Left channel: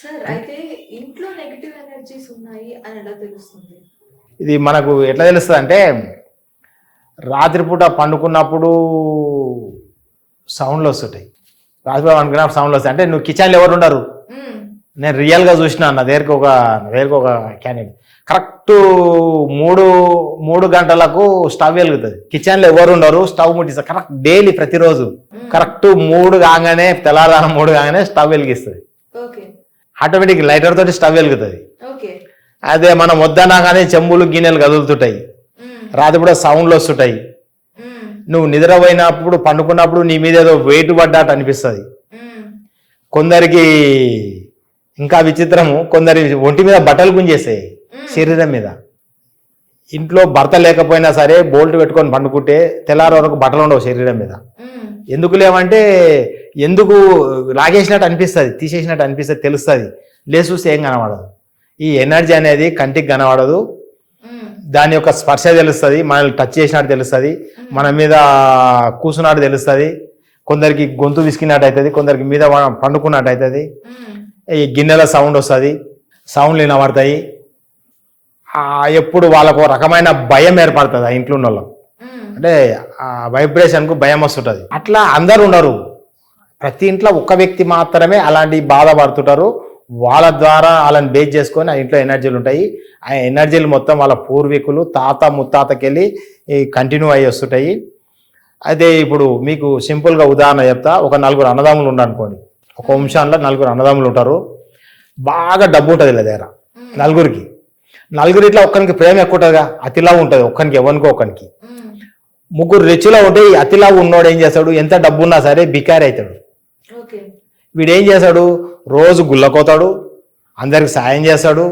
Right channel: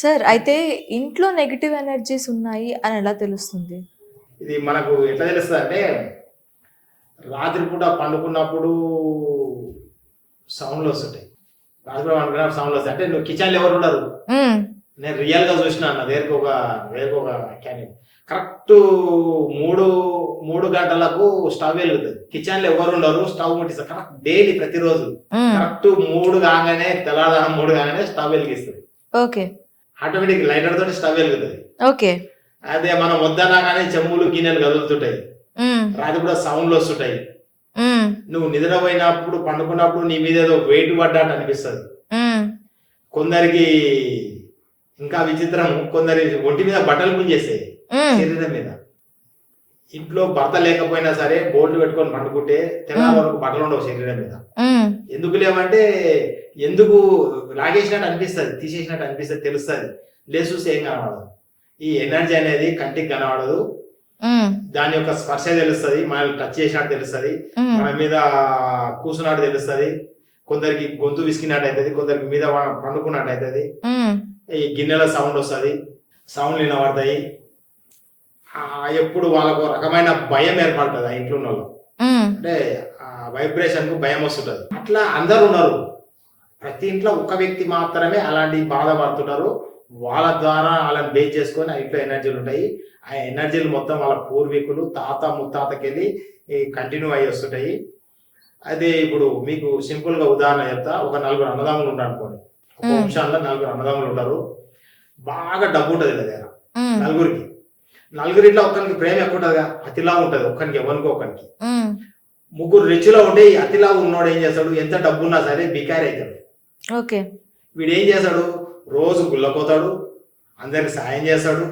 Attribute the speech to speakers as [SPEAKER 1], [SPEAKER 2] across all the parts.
[SPEAKER 1] Sir అయితే ఇంట్లో negative energies ఉన్నాయి అని ఎలా తెలుస్తుంది?
[SPEAKER 2] ఇది మనకు ఎట్లా తెలుస్తుంది అంటే రాత్రిపూట పండుకున్నప్పుడు సౌండ్లు వస్తుంటాయి. పండుకున్నప్పుడు సౌండ్లు వస్తాయి అంటే నువ్వు కిచెన్లో ఎవరు ఉండరు. నేను రియల్గా చూసిన నా దగ్గరకు ఒక దగ్గరకు ఒక క్యాండిడేట్ కరెక్ట్ మూడు మూడు గంటలకు స్టవ్ వెలుగుతుంది. కిచెన్లో ఎవరు ఉండరు స్టవ్ ముట్టిస్తారు. కరెక్ట్ డైలీ ప్రతిరోజు. కరెక్ట్ మూడు కాగానే తెల్లారుదానం మూడు కాగానే స్టవ్ వెలిగిస్తుంది.
[SPEAKER 1] ఓకే.
[SPEAKER 2] ఆటోమేటిక్ లైటర్ తోటి స్టవ్ వెలుగుతుంది.
[SPEAKER 1] ఓకే.
[SPEAKER 2] అదే మనం వద్దనగానే చెంబులు గిన్నెలు కదులుతుంటాయి. రాత్రి సౌండ్లు వస్తుంటాయి. నువ్వు నిద్రపోయినప్పుడు పండుకున్నప్పుడు నీ మీద ఏదో వెయిట్ పడ్డట్టు అనిపిస్తుంది. కొందరికి ఇంకా విచిత్రము కొందరి ఒంటి మీద బట్టలు గుంజేస్తాయి. శరీరం మీద ఇంట్లో భర్త లేకపోయినా సరే బోల్ట్ పెట్టుకొని పండుకుంటే తెల్లారి వరకు బట్టలు ఉండవు శరీరం మీద. ఎందుకు లేవంటే ఎందుకు లాగేసినట్టు అనిపిస్తుంది తీసేసినట్టు అనిపిస్తుంది తెలుస్తుంది లేచి చూస్తే ఏం కనబడదు ఈ ఎనర్జీ అనేది కంటికి కనబడదు. దాని యొక్క స్పర్శ తెలుస్తుంది మనల్ని టచ్ చేసినట్టు తెలుస్తుంది. మన మీద కూసున్నట్టు తెలుస్తుంది కొందరికి గొంతు విసికినట్టు అవుతుంది కొందరికి మీద పండుకున్నట్టు అవుతుంది. ఈ గిన్నెల సౌండ్ వస్తుంది సౌండ్లు వినబడతాయి ఎప్పుడు వాళ్ళకు రకమైన భయం ఏర్పడుతుంది ఆ ఇంట్లో ఉన్న. అంటే ఆ వైబ్రేషన్కు భయం వస్తుంటుంది. అట్లా అందరు ఉండరు. ప్రతి ఇంట్లో ఒక వ్యక్తి మాత్రమే అలాంటి బాధపడుతుంటారు. వాళ్ళ ద్వారా వాళ్ళని బేస్ చేసుకొని ఆ ఇంట్లో ఎనర్జీలు ఉంటాయి. ఆ ఎనర్జీలు మొత్తం వాళ్ళ పూర్వీకులు తాత ముత్తాతకెళ్ళి కంటిన్యూ అయ్యి వస్తుంటాయి. అదే ఇప్పుడు మీకు సింపుల్గా ఉదాహరణ చెప్తా. ఒక నలుగురు అన్నదమ్ములు ఉన్నారు అనుకోండి. ఒక. వంశాల్లో నలుగురు అన్నదమ్ములు ఉంటారు. బాగా డబ్బు ఉంటుంది వీళ్ళ దగ్గర. నలుగురికి. నలుగురు ఇట్లా ఒక్కరికి ప్రేమ ఎక్కువ ఉంటుందిగా. అతిలా ఉంటుంది. ఒక్కరికి ఎవరికో ఒక్కరికి. ముగ్గురు రిచ్లో ఉంటే అతిలా ఉన్నోడు ఏం చేస్తాడు? ఎంత డబ్బు ఉన్నా సరే బికారి అవుతాడు
[SPEAKER 1] ఓకే.
[SPEAKER 2] వీడు ఏం చేస్తాడు రోజు గుళ్ళకోతాడు అందరికి సాయం చేస్తాడు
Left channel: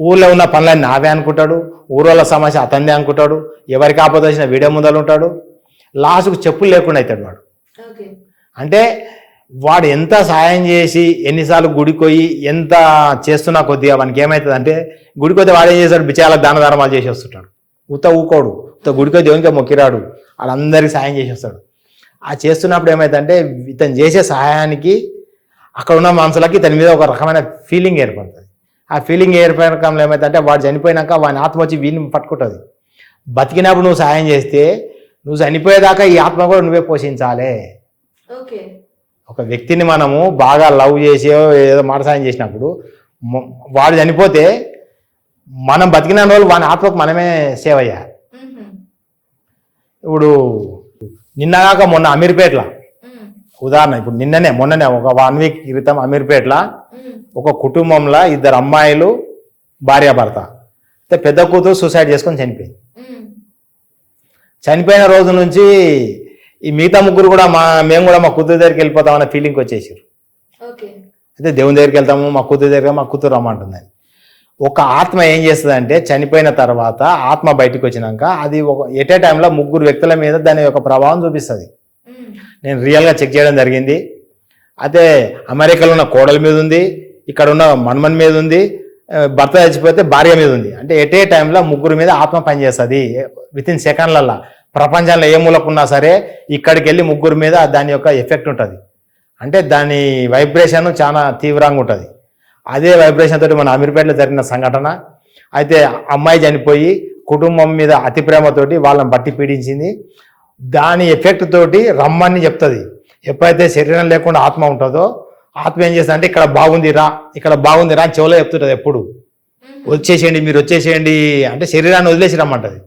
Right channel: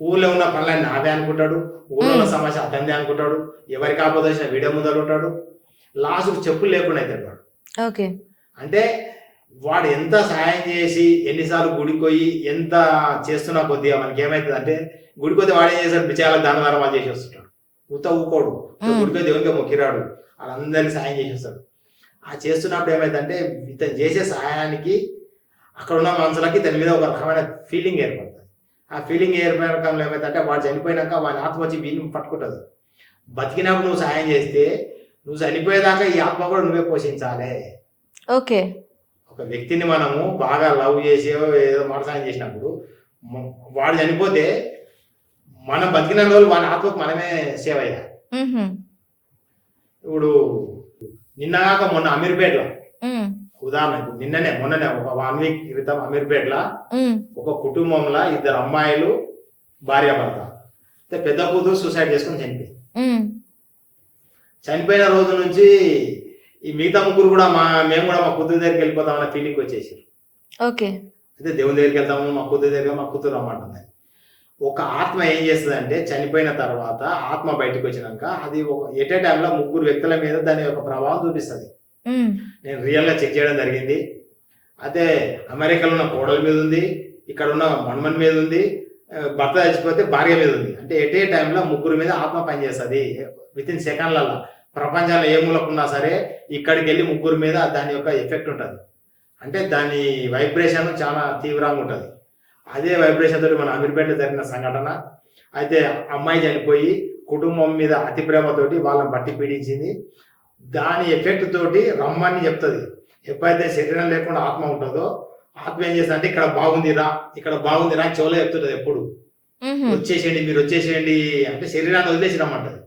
[SPEAKER 2] ఊళ్ళో ఉన్న పనులన్నీ నావే అనుకుంటాడు ఊళ్ళో సమస్య అతందే అనుకుంటాడు ఎవరికి ఆపద వచ్చిన వీడే ముందలు ఉంటాడు లాస్ట్కు చెప్పులు లేకుండా అవుతాడు వాడు.
[SPEAKER 1] ఓకే.
[SPEAKER 2] అంటే వాడు ఎంత సాయం చేసి ఎన్నిసార్లు గుడికి పోయి ఎంత చేస్తున్నా కొద్దిగా వానికి ఏమవుతుంది అంటే గుడికి పోతే వాడు ఏం చేస్తాడు? బిచాలకు దాన ధర్మాలు చేసి వస్తుంటాడు. ఉత్త ఊకోడు
[SPEAKER 1] మ్మ్.
[SPEAKER 2] గుడికి దేవునికి మొక్కిరాడు. వాళ్ళందరికీ సాయం చేసి వస్తాడు. ఆ చేస్తున్నప్పుడు ఏమైందంటే ఇతను చేసే సహాయానికి అక్కడ ఉన్న మనుషులకి ఇతని మీద ఒక రకమైన ఫీలింగ్ ఏర్పడుతుంది. ఆ ఫీలింగ్ ఏర్పడకంలో ఏమైందంటే వాడు చనిపోయినాక వాని ఆత్మ వచ్చి వీడిని పట్టుకుంటుంది. బతికినప్పుడు నువ్వు సహాయం చేస్తే నువ్వు చనిపోయేదాకా ఈ ఆత్మ కూడా నువ్వే పోషించాలి.
[SPEAKER 1] ఓకే.
[SPEAKER 2] ఒక వ్యక్తిని మనము బాగా లవ్ చేసి ఏదో మాట సాయం చేసినప్పుడు వాడు చనిపోతే మనం బతికిన రోజులు వాని ఆత్మకు మనమే సేవ చేయాలి.
[SPEAKER 1] మ్మ్.
[SPEAKER 2] ఇప్పుడు నిన్నగాక మొన్న అమీర్పేటలో. ఉదాహరణ ఇప్పుడు నిన్ననే మొన్ననే ఒక వన్ వీక్ క్రితం అమీర్పేటలో. ఒక కుటుంబంలో ఇద్దరు అమ్మాయిలు భార్యాభర్త అయితే పెద్ద కూతురు సూసైడ్ చేసుకొని చనిపోయింది. చనిపోయిన రోజు నుంచి ఈ మిగతా ముగ్గురు కూడా మా మేము కూడా మా కూతురు దగ్గరికి వెళ్ళిపోతాం అన్న ఫీలింగ్ వచ్చేసారు
[SPEAKER 1] ఓకే
[SPEAKER 2] అయితే దేవుని దగ్గరికి వెళ్తాము మా కూతురు దగ్గర మా కూతురు రమ్మంటుంది ఒక ఆత్మ ఏం చేస్తుంది అంటే చనిపోయిన తర్వాత ఆత్మ బయటకు వచ్చినాక అది ఒక ఎట్ ఏ టైంలో ముగ్గురు వ్యక్తుల మీద దాని యొక్క ప్రభావం చూపిస్తుంది. నేను రియల్గా చెక్ చేయడం జరిగింది. అయితే అమెరికాలో ఉన్న కోడల మీద ఉంది ఇక్కడ ఉన్న మన్మన్ మీద ఉంది భర్త చచ్చిపోతే భార్య మీద ఉంది. అంటే ఎట్ ఏ టైంలో ముగ్గురు మీద ఆత్మ పనిచేస్తుంది. విత్ ఇన్ సెకండ్లల్లో ప్రపంచంలో ఏ మూలకున్నా సరే ఇక్కడికి వెళ్ళి ముగ్గురు మీద దాని యొక్క ఎఫెక్ట్ ఉంటుంది. అంటే దాని వైబ్రేషన్ చాలా తీవ్రంగా ఉంటుంది. అదే వైబ్రేషన్ తోటి మన అమీర్పేటలో జరిగిన సంఘటన. అయితే అమ్మాయి చనిపోయి కుటుంబం మీద అతి ప్రేమతోటి వాళ్ళని బట్టి పీడించింది. దాని ఎఫెక్ట్ తోటి రమ్మని చెప్తుంది. ఎప్పుడైతే శరీరం లేకుండా ఆత్మ ఉంటుందో ఆత్మ ఏం చేస్తుంది అంటే ఇక్కడ బాగుంది రా ఇక్కడ బాగుంది రా అని చెవులో చెప్తుంటది ఎప్పుడు. వచ్చేసేయండి మీరు వచ్చేసేయండి అంటే శరీరాన్ని వదిలేసి రమ్మంటది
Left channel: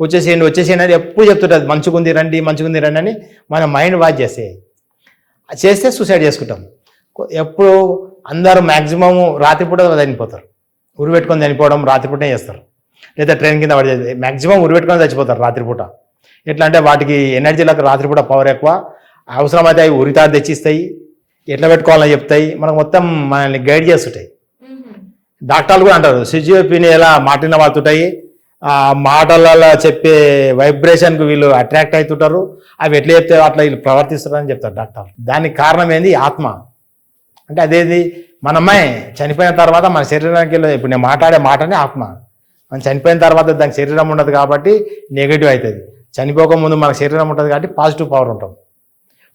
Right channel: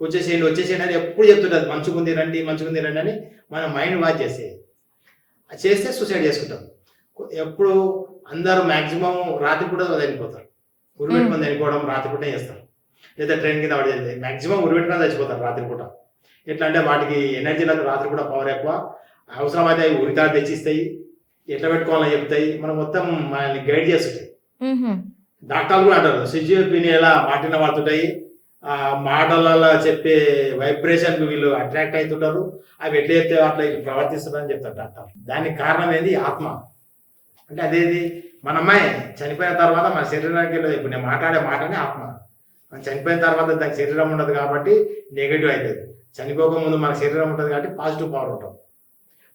[SPEAKER 2] వచ్చేసేయండి వచ్చేసేయండి అని ఎప్పుడు చెప్తుంటది. మంచిగుంది రండి మంచిగుంది రండి అని మన మైండ్ వాచ్ చేస్తే. చేస్తే సూసైడ్ చేసుకుంటాం. ఎప్పుడు అందరూ మ్యాక్సిమం రాత్రిపూట చనిపోతారు. ఉరి పెట్టుకొని చనిపోవడం రాత్రిపూటే చేస్తారు. లేదా ట్రైన్ కింద పడి మ్యాక్సిమం ఉరి పెట్టుకొని చచ్చిపోతారు రాత్రిపూట ఎట్లా అంటే వాటికి ఎనర్జీలకు రాత్రిపూట పవర్ ఎక్కువ. అవసరమైతే అవి ఉరితాడు తెచ్చిస్తాయి. ఎట్లా పెట్టుకోవాలని చెప్తాయి. మనకు మొత్తం మనల్ని గైడ్ చేస్తుంటాయి. డాక్టర్లు కూడా అంటారు సిజిఓపిని ఎలా మాటిన వాడుతుంటాయి ఆ మాటలలో చెప్పే వైబ్రేషన్కి వీళ్ళు అట్రాక్ట్ అవుతుంటారు. అవి ఎట్లా చెప్తే అట్లా వీళ్ళు ప్రవర్తిస్తారు అని చెప్తారు డాక్టర్. దానికి కారణం ఏంది? ఆత్మ. అంటే అదేది? మన అమ్మాయి చనిపోయిన తర్వాత మన శరీరానికి వెళ్ళదు. ఇప్పుడు నేను మాట్లాడే మాటనే ఆత్మ. మనం చనిపోయిన తర్వాత దానికి శరీరం ఉండదు కాబట్టి నెగిటివ్ అవుతుంది. చనిపోక ముందు మన శరీరం ఉంటుంది కాబట్టి పాజిటివ్ పవర్ ఉంటాం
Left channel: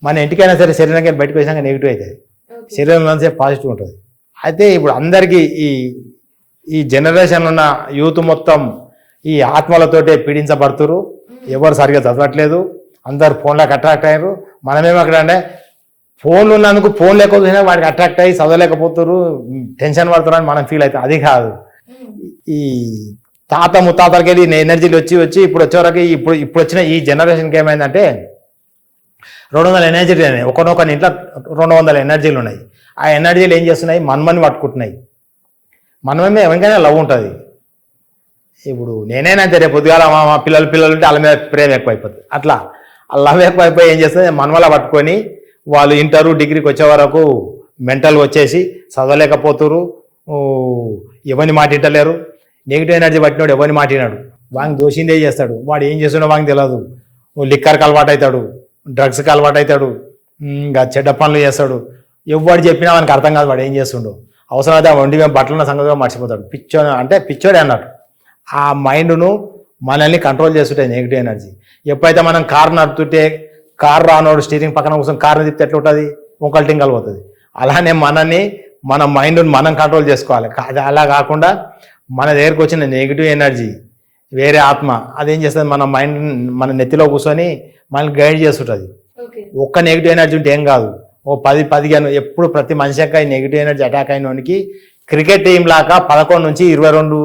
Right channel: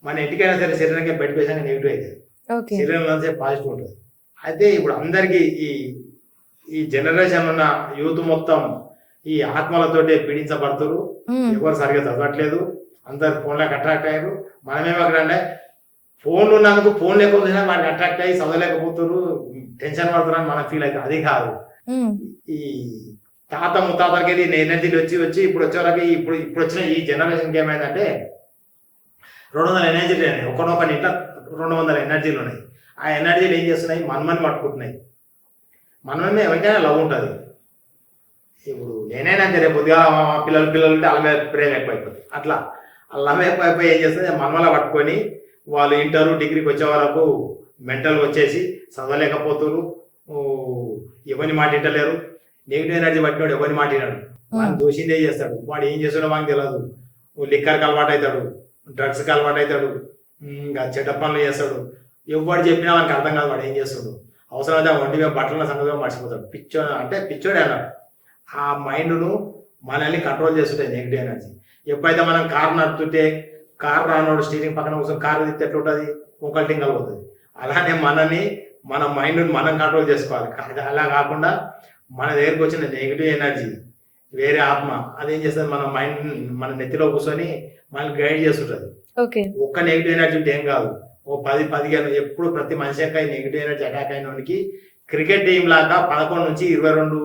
[SPEAKER 2] మన ఇంటికైనా సరే శరీరానికి వెళ్ళి బయటకు వేసాక నెగిటివ్ అవుతుంది.
[SPEAKER 1] ఓకే.
[SPEAKER 2] శరీరంలో సేపు పాజిటివ్ ఉంటుంది. అయితే ఇప్పుడు అందరికీ ఈ ఈ జనరేషన్ ఉన్న యూత్ మొత్తం ఈ ఆత్మలతోటే పీడించబడుతురు. ఎవరు సరిగా చదవట్లేదు. అందరు ఫోన్లకు అట్రాక్ట్ అయ్యారు. మనమేమో అక్కడ అంటే ఫోన్లు ఉన్నందుకు ఫోన్ లేకపోయినా వాడికి అట్రాక్ట్ అయ్యి చదవలేకపోతారు టెన్షన్ పడుతున్నారు అని మనం ఫీల్ అవుతాం అది కాదు. ఈ తాత ముత్తాతలకి వెళ్ళి ఎనర్జీలు వచ్చి వచ్చి ఇప్పుడు వచ్చేవరకు ఇప్పుడు ఇప్పుడు వచ్చిన ఈ జనరేషన్కి ఏమైందంటే రెండు వందల ఎనర్జీలు ఉన్నాయి ఒకనొక ఇంట్లో రెండు వందల ఎనర్జీలు ఉన్నాయి. ఆ ఎనర్జీలు ఏం చేస్తున్నాయి? మన్మని పట్టుకుంటున్నాయి. మనమే ఎవరికైనా లవ్ ఉంటుంది. ఇప్పుడు నేనైనా అంతే రేపు పొద్దుగాల మా పిల్లలు పిల్లలు ఉంటే వాళ్ళ మీద ప్రేమ ఎక్కువైపోతుంది అట్లా ఆ లవ్ ఎక్కువైపోయి ఏం చేస్తుంది? మనవల పట్టుకొని వాళ్ళు ఇంటరు డిగ్రీకి వచ్చే వరకు మెంటల్ వచ్చేసి చదవలేకపోతురు. ఎవరిని మాట ఇంటలేరు నెగిటివ్ ఎనర్జీ పట్టినాడు ఎవరిని మాట వినాడు వాడిని దోషిందే చేస్తాడు? వాడు ఏం చేస్తున్నాడో వానికి తెలియదు లిక్కర్కి అలవాటు అవుతాడు డ్రగ్స్కి అలవాటు అవుతాడు ఇంకా చెడ్డ పనులు చేస్తాడు. ఎవడు చెప్పినా వానికి అర్థం కాదు వాడు ఏం చేస్తుండో. అవసరమైతే ఆ వండి మేము బట్టలున్న సంగతిగా మర్చిపోతాడు. పిచ్చో అంటే పిచ్చోడే అన్నట్టు. ఆ మైండ్ను మనల్ని కంట్రోల్ చేస్తుంటాయి నెగిటివ్ ఎనర్జీ. ఎప్పుడైతే మనం కార్ నడుపుతుంటే కార్ రానోడు స్టీరింగ్ పక్కన కూర్చొని కార్ తిప్పితే ఎట్లా ఉంటుంది? ఒకళ్ళు టింగల్ పోతుంది. అలానే మనని మన మైండ్ని మనం కంట్రోల్ చేసుకోవాలి. అలా కాకుండా మన దగ్గరకు వచ్చిన నెగిటివ్ ఎనర్జీ వేరే ఆత్మ అదేం చేస్తుంది? మన మైండ్ మన నెత్తిలో కూర్చొని మనల్ని గైడ్ చేస్తుంటుంది. ఒక్క నెగిటివ్ ఎనర్జీ ఉంటే ఏం కాదు. ఓ పది పదిహేను ఎప్పుడు ప్రతి మనిషి యొక్క నెగిటివ్ ఎనర్జీ అటాక్ అయిన వానికి క్రికెట్ టీం లాగా పదకొండు నుంచి ఇరవై రెండు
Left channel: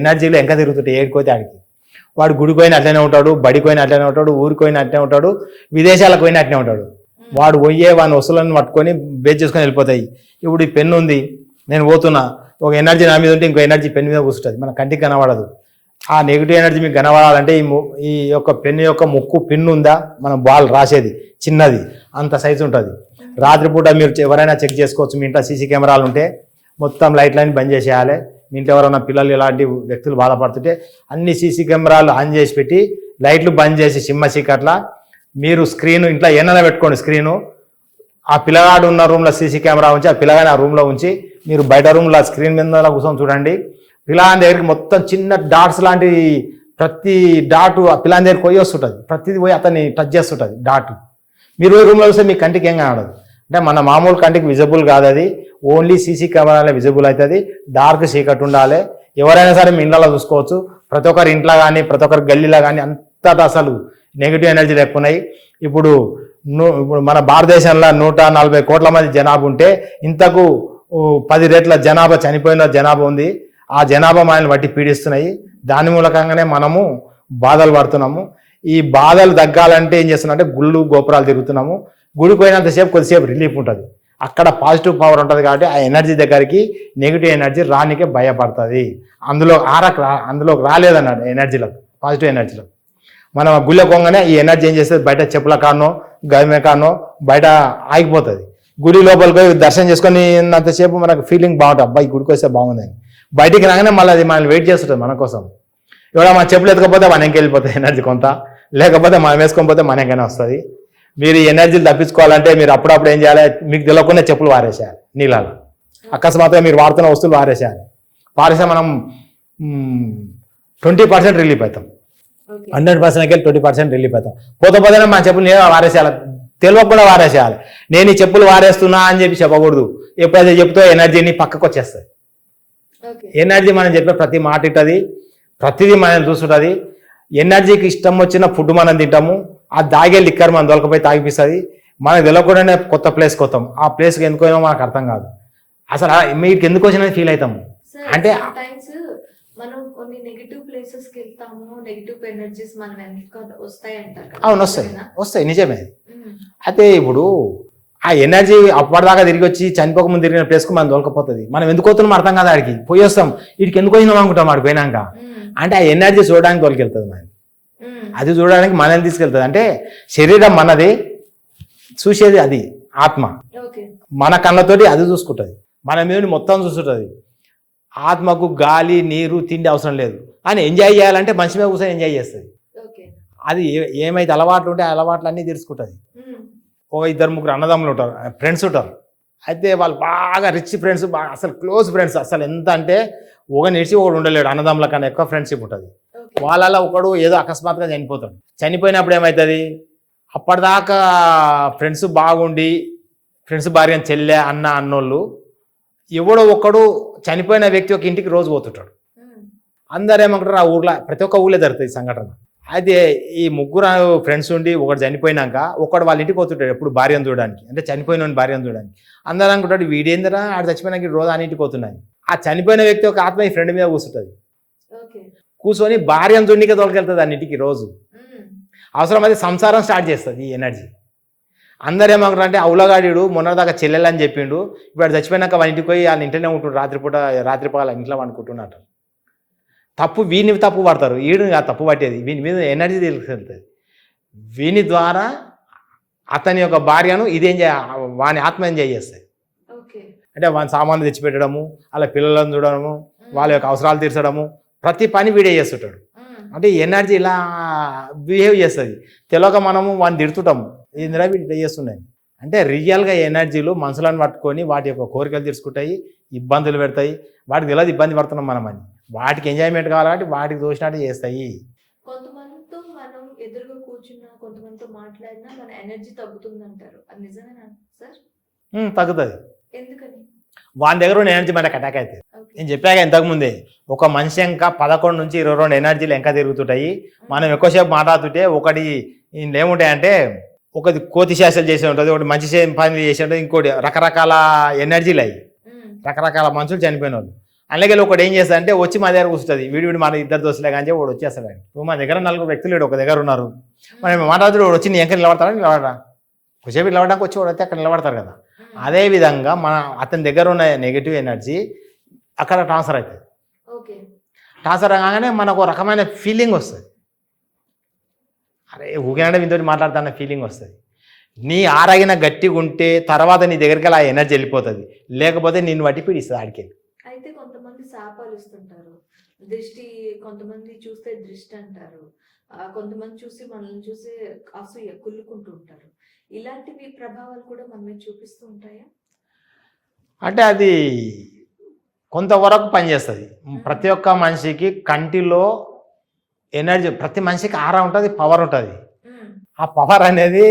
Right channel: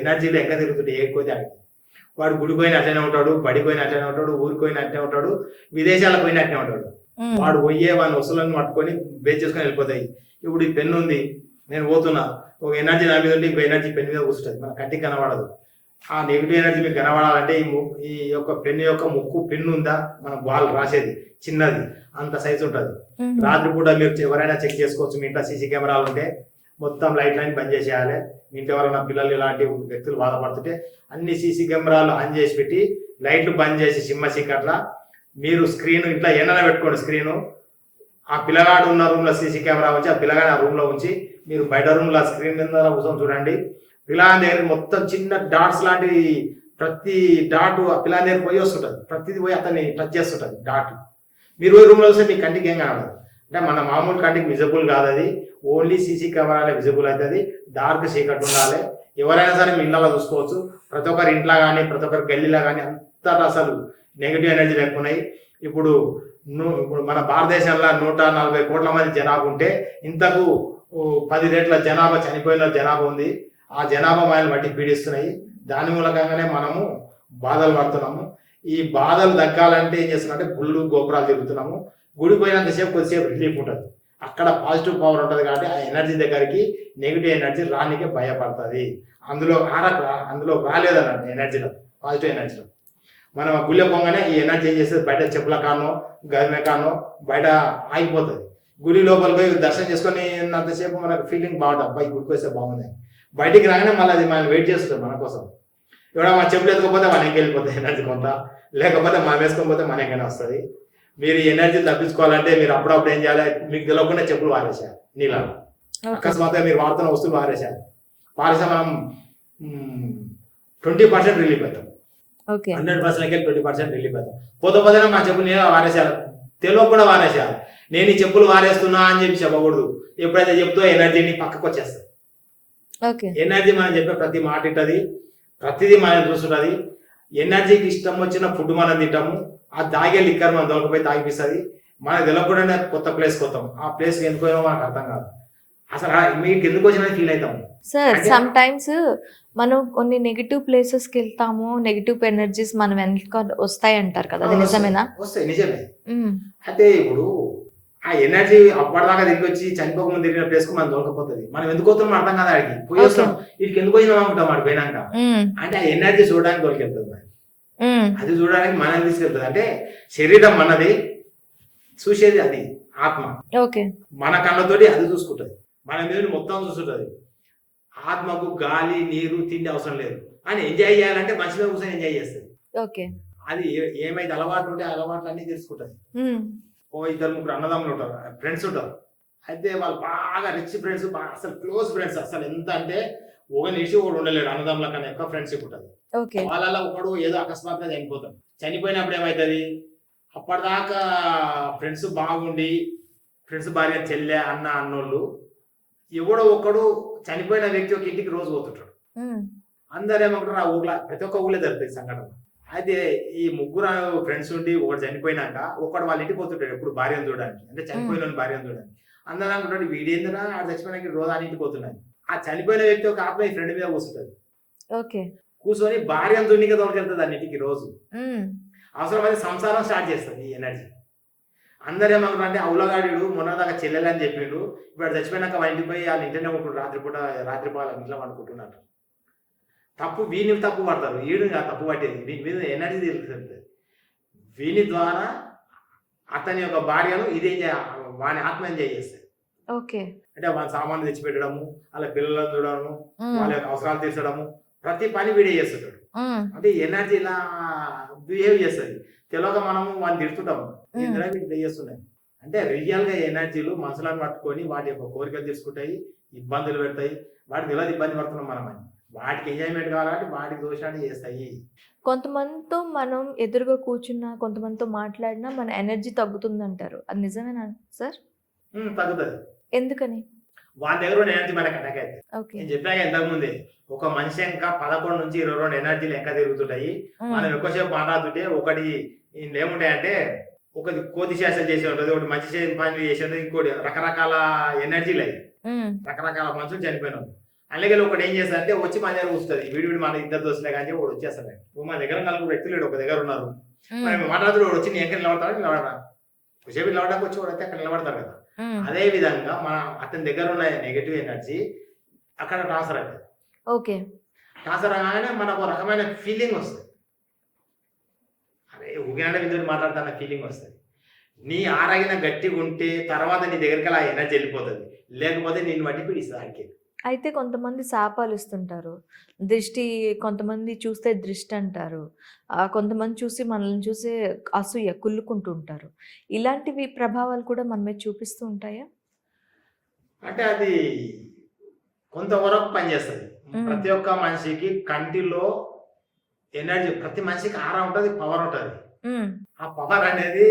[SPEAKER 2] ఎనర్జీలు ఎంత తిరుగుతుంటాయి. ఏడుకోతే ఆడికి. వాడు గుడికి పోయిన అట్లనే ఉంటాడు బడికి పోయిన అట్లనే ఉంటాడు ఊరికి పోయిన అట్లనే ఉంటాడు విదేశాలకు పోయిన అట్లనే ఉంటాడు. వాడు పోయే వాని వస్తువులను పట్టుకొని బేస్ చేసుకొని వెళ్ళిపోతాయి. ఇప్పుడు ఈ పెన్ను ఉంది నేను పోతున్నా ఒక ఎనర్జీ నా మీద ఉంటే ఇంకో ఎనర్జీ పెన్ మీద కూర్చుంటుంది. మన కంటికి కనబడదు. ఆ నెగిటివ్ ఎనర్జీ మీకు కనబడాలంటే ఈ ఈ యొక్క పెన్ను యొక్క ముక్కు పిన్ను ఉందా? మనం బాల్ రాసేది చిన్నది అంత సైజు ఉంటుంది. రాత్రిపూట మీరు ఎవరైనా చెక్ చేసుకోవచ్చు మీ ఇంట్లో సీసీ కెమెరాలు ఉంటే మొత్తం లైట్ లైన్ బంద్ చేసేయాలి. మీ ఇంట్లో ఎవరైనా పిల్లలు ఇలాంటి వ్యక్తులు బాధపడుతుంటే అన్ని సీసీ కెమెరాలు ఆన్ చేసి పెట్టి లైట్లు బంద్ చేసి సిమ్మ చీకట్ల. మీరు స్క్రీన్ ఇంట్లో ఏమైనా పెట్టుకోండి స్క్రీను. ఆ పిల్లగాడు ఉన్న రూమ్లో సీసీ కెమెరా ఉంచి ఆ పిల్లగాని ఆ రూమ్లో ఉంచి మీరు బయట రూమ్లో స్క్రీన్ మీద కూర్చొని చూడండి. పిల్లగాని దగ్గరికి మొత్తం చిన్న డాట్స్ లాంటి ప్రతి డాట్ ఆ పిల్లని దగ్గరికి పోయి వస్తుంటుంది. ప్రతిది పోయి అతన్ని టచ్ చేస్తుంటుంది డాట్. మీరు రూమ్లో వస్తే మీ కంటికి ఏం కనబడదు. అంటే మన మామూలు కంటికి విజిబుల్ కాదు అది. ఓన్లీ సీసీ కెమెరాలో విజిబుల్ అవుతుంది డార్క్ సీకట్ ఉండాలి. ఎవరైనా సరే మీ ఇళ్ళలో చూసుకోవచ్చు. ప్రతి ఒక్కరి ఇంట్లో కానీ ప్రతి ఒక్కరి గల్లీలో కానీ అంతటా అసలు నెగిటివ్ ఎనర్జీ లేకున్నాయి. ఇప్పుడు ఇప్పుడు మన భారతదేశంలో నూట నలభై కోట్ల మంది జనాభా ఉంటే ఇంతకు పది రెట్ల జనాభా చనిపోయిన జనాభా ఉంది. ఆ జనాభా మనల్ని బట్టి పీడిస్తున్నాయి. దాని మూలకంగానే మనము బాధలు పడుతున్నాము. ఈ బాధలు తగ్గాలంటే ఏం చేస్తున్నాం అంటే గుళ్ళు గోపురాలు తిరుగుతున్నాము. గుడి పోయినంతసేపు కొద్దిసేపు రిలీఫ్ ఉంటుంది. అక్కడ పాజిటివ్ పవర్ ఉంటుంది కాబట్టి ఆ ఎనర్జీ దగ్గరికి నెగిటివ్ ఎనర్జీ రానికే భయపడుతుంది. అందులో ఆరక రా అందులోకి రాలేదన్నాడు ఎనర్జీలో పాజిటివ్ ఎనర్జీలో మనం గుళ్ళ కొంగనే ఈ ఎనర్జీ ఏం చేస్తుంది? బయట చెప్పుల కానో గమే కానో బయట ఆగిపోతుంది. గుడి లోపలికి పోయి దర్శనం చేసుకొని అంతసేపు మనకు ఫీలింగ్ బాగుంటుంది. అబ్బాయి గుడికి వస్తే బాగుంది అని. బయటికి రాగానే మళ్ళీ అది మనల్ని వెయిట్ చేస్తుంటుంది మన కోసం. ఇవాళ మన చెప్పులు ఎత్తుకపోతే మనకి వెళ్ళిపోతుంది ఎనర్జీ కొంత. లేకపోతే మనం వేసుకొని పోతే మనకైనా వస్తుంది. మీరు ఎనర్జీలు తప్పించుకోవాలంటే మీరు అప్పుడప్పుడు ఏం చేయాలి? మీకు తెలియకుండా చెప్పులు వారేసేయాలి నీళ్ళలో. అకస్మాత్తుగా మీరు వాడుతున్న వస్తువులు వారేసేయాలి వారేసే మనం ట్వంటీ పర్సెంట్ రిలీఫ్ అవుతాం. హండ్రెడ్ పర్సెంట్కి ట్వంటీ పర్సెంట్ రిలీఫ్ అవుతాం. పోతే పోతే మా చెప్పులు నేను వారేసేయాలి. తెలియకుండా వారేసేయాలి. నేను ఈ చెప్పులు వారేస్తున్నా అని చెప్పి చెప్పకూడదు. ఎప్పుడైతే చెప్తో ఎనర్జీని పక్కకు వచ్చేస్తుంది.
[SPEAKER 1] ఓకే.
[SPEAKER 2] ఎనర్జీ మనం చెప్పే ప్రతి మాట ఇట్టది ప్రతిదీ మనం చూస్తుంటుంది ఎనర్జీకి ఇష్టం వచ్చిన ఫుడ్ మనం తింటాము. ఆ దాగే లిక్కర్ మనం దొరకపోయి తాగిపిస్తుంది. మనకు తెలియకుండానే కొత్త ప్లేస్కి వస్తాం. ఆ ప్లేస్కి ఎందుకు పోయినా మనకు అర్థం కాదు. అసలు మీకు ఎందుకు వచ్చినది ఫీల్
[SPEAKER 1] సార్
[SPEAKER 2] అంటే-
[SPEAKER 1] సమ్ టైమ్స్ మనం కొన్ని నెగిటివ్ ప్లేసెస్కి వెళ్తాము. నెగిటివ్ ఎనర్జీస్ మనం వెనక వస్తాయి అంటారు కదా.
[SPEAKER 2] వస్తాయి. నిజమే. అయితే ఇప్పుడు ఆ ఎనర్జీ అప్పటిదాకా తిరిగి వచ్చి చనిపోక ముందు తిరిగిన ప్లేస్కి మనం దొరకపోతుంది. మనం ఎందుకు పోతున్నాం అర్థం కాదు ఆడికి. పోయి వస్తాం. వీడికి ఎందుకు వచ్చినాం అనుకుంటాం ఆడికి పోయినాక. అంటే ఆ ఎనర్జీ చూడడానికి తోలికెళ్తుంది మనం. అది చూడడానికి మనల్ని తీసుకెళ్తుంది. అంటే శరీరం మనది చూసేది అది ఆత్మ.
[SPEAKER 1] ఓకే.
[SPEAKER 2] మన కళ్ళతోటి అది చూసుకుంటుంది. మన మీద మొత్తం చూస్తుంటుంది ఆత్మకు గాలి నీరు తిండి అవసరం లేదు. అని ఎంజాయ్ చేయాలంటే మనిషి మీద కూర్చొని ఎంజాయ్ చేస్తుంది.
[SPEAKER 1] ఓకే.
[SPEAKER 2] అది ఏమైతే అలవాట్లు ఉంటే ఆ అలవాట్లు అన్నీ తెలుసుకుంటుంది. ఓ ఇద్దరు ముగ్గురు అన్నదమ్ములు ఉంటారు ఫ్రెండ్స్ ఉంటారు. అయితే వాళ్ళు బాగా రిచ్ ఫ్రెండ్స్ బాగా అసలు క్లోజ్ ఫ్రెండ్స్ అసలు ఎంత అంటే ఒక నిడిచి ఒకడు ఉండలేడు అన్నదమ్ముల కన్నా ఎక్కువ ఫ్రెండ్షిప్ ఉంటుంది.
[SPEAKER 1] ఓకే.
[SPEAKER 2] వాళ్ళలో ఒకడు ఏదో అకస్మాత్తుగా చనిపోతాడు. చనిపోయినప్పుడు ఏమవుతుంది అప్పటిదాకా ఫ్రెండ్స్ బాగుండి ఫ్రెండ్స్ భార్య చెల్లె అన్న అన్నోళ్ళు ఎవడో ఒక్కడు చనిపోయిన వ్యక్తి ఒక ఇంటికి రోజు పోతుంటాడు. అందరు ఏమంటారు ఆ ఊర్లో ప్రతి ఒక్క ఊళ్ళో జరుగుతుంది ఈ సంఘటన. అయితే ఈ ముగ్గురు ఫ్రెండ్స్ ఉండి ఒకడు చనిపోయినాక ఒకడు వాళ్ళ ఇంటికి పోతుంటాడు ఎప్పుడు భార్యను చూడడానికి. అంటే చనిపోయిన భార్యను చూడడానికి. అందరూ అనుకుంటాడు వీడేందరా ఆడ చచ్చిపోయినాక రోజు ఆ ఇంటికి పోతున్నాయి ఆ చనిపోయిన వ్యక్తి ఒక ఆత్మ ఈ ఫ్రెండ్ మీద కూర్చుంటుంది
[SPEAKER 1] ఓకే.
[SPEAKER 2] కూర్చొని భార్యను చూడనికే తోలుకెళ్తుంది అన్నింటికి రోజు.
[SPEAKER 1] ఉమ్,
[SPEAKER 2] అవసరమైతే సంసారం స్టార్ట్ చేస్తుంది ఈ ఎనర్జీ. అందరు ఏమంటారు అంటే అవులగాడు మొన్నదాకా చెల్లెలని చెప్పిండు ఇప్పుడు చచ్చిపోయినాక వాళ్ళ ఇంటికి పోయి వాళ్ళ ఇంట్లోనే ఉంటుండు రాత్రిపూట రాత్రిపాల ఇంట్లో అనుకుంటున్నట్టు తప్పు వీని తప్పు పడతారు వీడు ఆ తప్పు పట్టేది వీని మీద ఎనర్జీ తెలుస్తుంది వీని ద్వారా అతని యొక్క భార్యను ఇదేం చే వాని ఆత్మ ఎంజాయ్ చేస్తుంది
[SPEAKER 1] ఓకే.
[SPEAKER 2] అంటే వాని సామాన్లు తెచ్చిపెట్టడము అలా పిల్లలను చూడడము వాళ్ళ యొక్క అవసరాలు తీర్చడము ప్రతి పని వీడే చేస్తుంటాడు. అంటే ఎనర్జీ ఇలా బిహేవ్ చేస్తుంది. తెలియక మనము వాడిని తిడుతుంటాము. ఇందిరా వీడు చేస్తున్నాయి అంటే రియల్గా ఎనర్జీలు మనుషులను పట్టుకొని వాటి యొక్క కోరికలు తీర్చుకుంటాయి ఇబ్బందులు పెడతాయి. వాటికి తెలియదు ఇబ్బంది పడుతున్నాం మనం అని. వాటికి ఎంజాయ్మెంట్ కావాలి కాబట్టి వాటికి దోచినట్టు చేస్తాయి.
[SPEAKER 1] కొంతమందితో మనం ఎదురుగా కూర్చున్నా కొంతమందితో మాట్లాడినా మన ఎనర్జీ తగ్గుతుంది అంటారు అది నిజమేనా సార్
[SPEAKER 2] తగ్గుతుంది.
[SPEAKER 1] ఎందుకని?
[SPEAKER 2] వాని దగ్గర ఉన్న ఎనర్జీ మనకి అటాక్ అవుతుంది. నేను చెప్పాక ఇంతకు ముందే ఒక మనిషి ఇంకా పదకొండు నుంచి ఇరవై రెండు ఎనర్జీలు ఇంకా తిరుగుతుంటాయి. మనం ఎక్కువసేపు మాట్లాడుతుంటే ఒకటి ఏముంటాయంటే ఒకటి కోతి శాస్త్రం చేసి ఉంటుంది ఒకటి మంచి పని చేసి ఉంటుంది ఇంకోటి రకరకాల ఎనర్జీలు
[SPEAKER 1] ఉమ్,
[SPEAKER 2] రకరకాల మనుషులు చనిపోయిన వాళ్ళు అలాగే ఒకటి ఏం చేస్తాడంటే వచ్చి మా దగ్గర కూర్చుంటుంది. వీడి వీడి మన ఇద్దరు దోస్తులే కానీ వాడు వచ్చేస్తాడు. ఇప్పుడు మా దగ్గర నలుగురు వ్యక్తులు ఒక దగ్గర ఉన్నారు. మనం మాట్లాడుతూ వాడు వచ్చి నీ ఎంక నిలబడతాడు? నిలబడరా? కొంచెంసేపు నిలబడడానికి వచ్చి వాడు అయితే అక్కడ నిలబడతారు కదా. అదే విధంగా మన అతని దగ్గర ఉన్న నెగిటివ్ ఎనర్జీ అక్కడ ట్రాన్స్ఫర్ అవుతుంది.
[SPEAKER 1] ఓకే.
[SPEAKER 2] ట్రాన్స్ఫర్ కాగానే మనకు రకమైన ఫీలింగ్ వస్తుంది. అరే ఊగినాడే మీతో మాట్లాడుతున్న ఫీలింగ్ వస్తుంది. నీ ఆరగిన గట్టిగా ఉంటే తర్వాత నీ దగ్గరికి అలా ఎనర్జీ వెళ్ళిపోతుంది. లేకపోతే నిన్ను బట్టి పీడిస్తుంది ఆడికి.
[SPEAKER 1] అయితే కొంతమంది శాపాలు ఇస్తుంటారు దృష్టి కొంతమంది చూస్తే దృష్టి అంటారు ఆ, కొంతమంది చూసి మనల్ని చూసి అసూయ కుళ్ళుకుంటూ ఇలాంటివి ప్రభావాలు కూడా మన మీద చూపిస్తూ ఉంటాయా?
[SPEAKER 2] అంటే అది కొంతవరకు పనిచేస్తుంది. ప్రతి ఒక్క మనిషికి కంటిలో ఎనర్జీ ప్రతి మనిషికి ఆరా ఉంటుంది పవర్ ఉంటుంది. ఆ పవర్ అనేది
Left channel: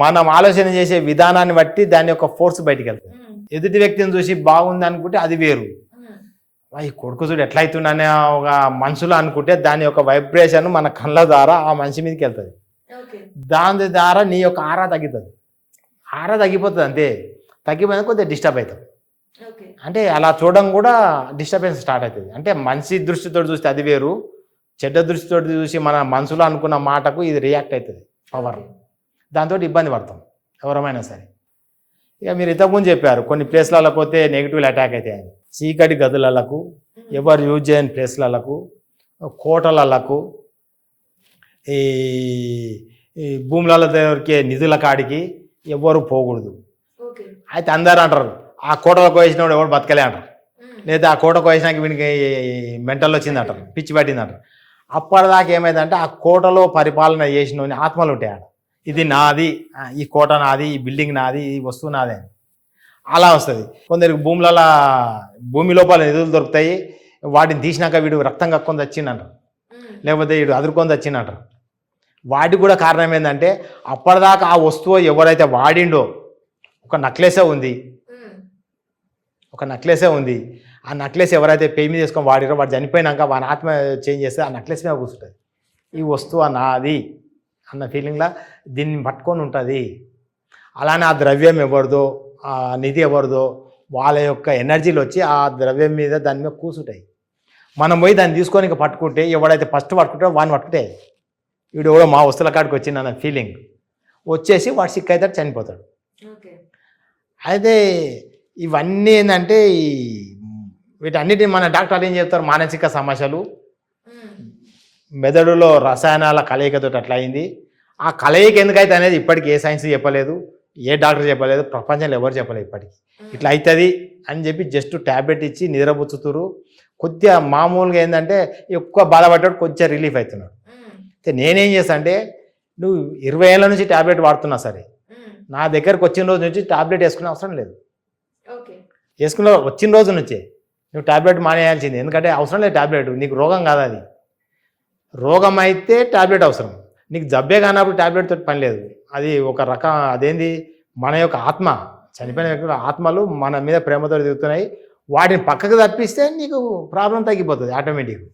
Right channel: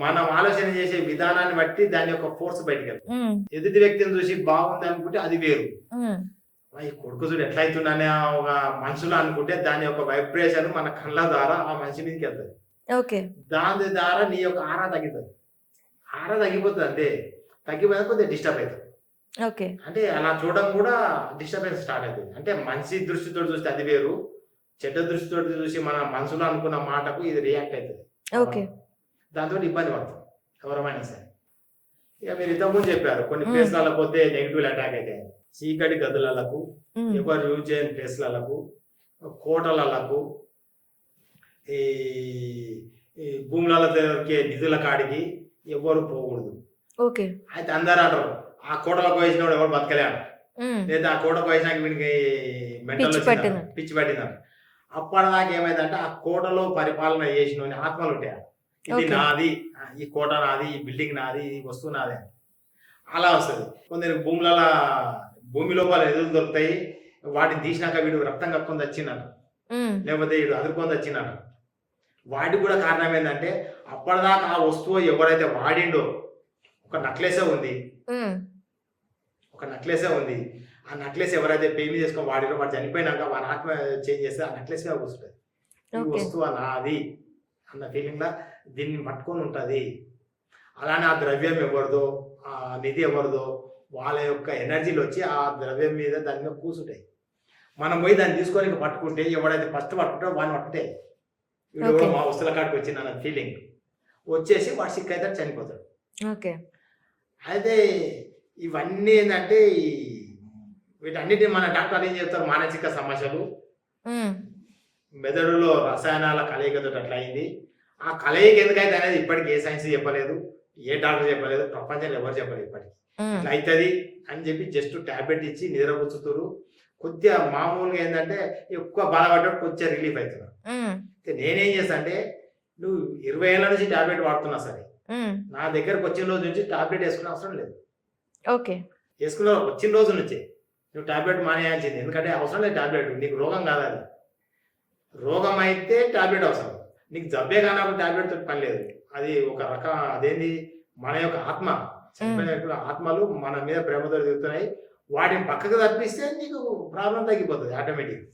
[SPEAKER 2] మనం ఆలోచన చేసే విధానాన్ని బట్టి దాని యొక్క ఫోర్స్ బయటికి వెళ్తుంది.
[SPEAKER 1] ఉమ్,
[SPEAKER 2] ఎదుటి వ్యక్తిని చూసి బాగుంది అనుకుంటే అది వేరు.
[SPEAKER 1] ఉమ్,
[SPEAKER 2] "వా, ఈ కొడుకు చూడు ఎట్లా అవుతుందనే ఒక మనసులో అనుకుంటే దాని యొక్క వైబ్రేషన్ మన కళ్ళ ద్వారా ఆ మనిషి మీదకి వెళ్తుంది. దాని ద్వారా నీ యొక్క ఆరా తగ్గుతుంది. ఆరా తగ్గిపోతుంది అంతే. తగ్గిపోయిన కొద్దిగా డిస్టర్బ్ అవుతుంది అంటే అలా చూడడం కూడా డిస్టర్బెన్స్ స్టార్ట్ అవుతుంది అంటే మంచి దృష్టితో చూస్తే అది వేరు. చెడ్డ దృష్టితో చూసి మన మనసులో అనుకున్న మాటకు ఇది రియాక్ట్ అవుతుంది
[SPEAKER 1] ఓకే.
[SPEAKER 2] దాంతో ఇబ్బంది పడతాం ఎవరమైనా సరే. ఇక మీరు ఇంతకుముందు చెప్పారు కొన్ని. ప్లేస్లలో పోతే నెగిటివ్ అటాక్ అవుతాయని చీకటి గదులకు ఎవరు యూజ్ చేయని ప్లేస్లకు కోటలకు ఈ ఈ భూములలో దొరికే నిధుల కాడికి ఎవరు పోకూడదు.
[SPEAKER 1] ఓకే.
[SPEAKER 2] అయితే అందరు అంటారు ఆ కోటలకు వేసినప్పుడు ఎవరు బతకలే అంటారు. లేదా ఆ కోటకు వేసినాక వీనికి మెంటల్
[SPEAKER 1] పిచ్చి
[SPEAKER 2] వచ్చిందంట. పిచ్చి పట్టిందంట అప్పటిదాకా ఏమైందంటే ఆ కోటలో పరిపాలన చేసిన ఆత్మలు ఉంటాయి. ఇది. నాది ఈ కోట నాది ఈ బిల్డింగ్ నాది ఈ వస్తువు నాది అని. అలా వస్తుంది. కొందరికి భూములలో భూమి లోపల నిధులు దొరుకుతాయి. వాటిని తీసినాక వీడు రక్తం కక్కొని వచ్చిందంట
[SPEAKER 1] ఉమ్,
[SPEAKER 2] లేకపోతే వీడు అదురుకొని వచ్చిందంట వాటికి కూడా కారణం ఏంటంటే అప్పటిదాకా ఆ వస్తువు ఎవరైతే వాడిండో ఒక నక్లెసే ఉంది. ఒక నక్లెసే ఉంది. ఆ నక్లెస్ ఎవరైతే పేయి మీద తీసుకొని వాడిరో వాడు చనిపోయినాక వాని ఆత్మ చేంజ్ చేస్తే ఆ నక్లెస్ మీద కూర్చుంటుంది. ఈ. వస్తువు నాది. అన్న ఫీలింగ్లా దీన్ని పట్టుకొని ఉంటుంది. అలానే ఆ ద్రవ్యం ఎవరిదో ఆ నిధి ఎవరిదో వాళ్ళ యొక్క ఎనర్జీలు వచ్చి ఆ ద్రవ్యం మీద దాని మీద కూర్చుంటాయి మనం పోయి దాన్ని తీసుకొని ఇక పట్టుకుంటే ఎవడైతే ఫస్ట్ పట్టుకుంటాడో వాడిని పట్టుకుంటే వీడు కూడా. మా వస్తువుల కాడికి వచ్చింది అన్న ఫీలింగ్ వచ్చేసి వాడు సిక్ అవుతాడు చనిపోతాడు.
[SPEAKER 1] ఓకే
[SPEAKER 2] అయితే ఇవన్నీ ఏంటంటే ఈ వీటన్నిటిని మన డాక్టర్ ఏం చెప్తారు? మానసిక సమస్యలు. మెదడులో రసాయనాల కలయికతో అట్లా అయింది ఆ కలయిక ఎందుకైతే అనేది ఇప్పటికి ఏ సైన్స్ చెప్పలేదు ఏ డాక్టర్ చెప్పలేదు ప్రపంచంలో ఎవరు చెప్పలేదు ఇప్పటికి. ఇట్లా అవుతుంది అని చెప్పి జస్ట్ ట్యాబ్లెట్ ఇచ్చి నిద్రపుచ్చుతురు కొద్దిగా మామూలుగా ఏంటంటే ఎక్కువ బాధపడ్డాడు కొంచెం రిలీఫ్ అవుతున్నాడు నేనేం చేస్తా అంటే నువ్వు ఇరవై ఏళ్ళ నుంచి ట్యాబ్లెట్ వాడుతున్నా సరే నా దగ్గరకు వచ్చిన రోజు నుంచి టాబ్లెట్ వేసుకునే అవసరం లేదు.
[SPEAKER 1] ఓకే.
[SPEAKER 2] వేసుకున్న వచ్చిన రోజు నుంచే నువ్వు టాబ్లెట్ మానేయాల్సింది. ఎందుకంటే అవసరం లేదు టాబ్లెట్ నీకు రోగం కాదు అది. రోగం అయితే టాబ్లెట్ అవసరం. నీకు జబ్బే కానప్పుడు టాబ్లెట్ తోటి పని లేదు. అది ఒక రకం అదేంది? మన యొక్క ఆత్మ చనిపోయిన వ్యక్తుల ఆత్మలు మన మీద ప్రేమతో తిరుగుతున్నాయి. వాటిని పక్కకు తప్పిస్తే నీకు ప్రాబ్లం తగ్గిపోతుంది ఆటోమేటిక్